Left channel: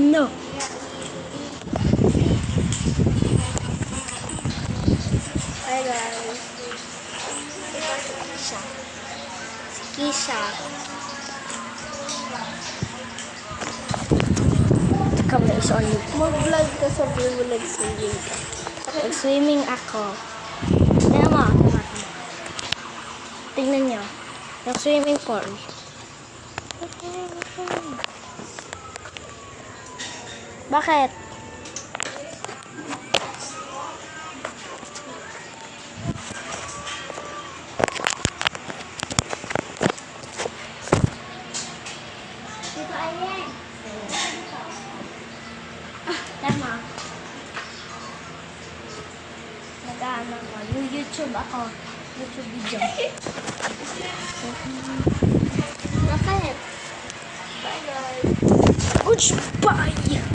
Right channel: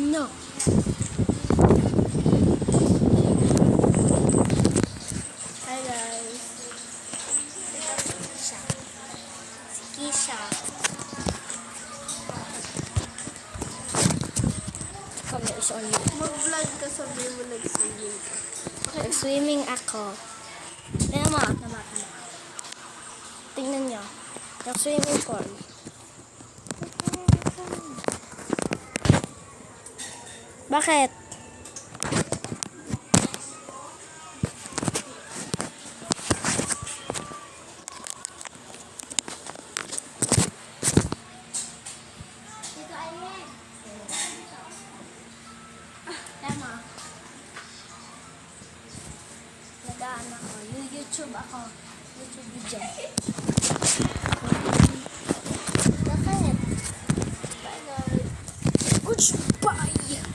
No. Hi guys. Kisha. Kami is on you. Mag-vlog ka, sabihin mo nag-swimming ka. Nag-swimming ako. Ayan mo. Tingnan nyo. Nag-swimming pool. Bakit? Tama. Nag-ano ko. YouTube ako. YouTube video. Bakit? Goodbye!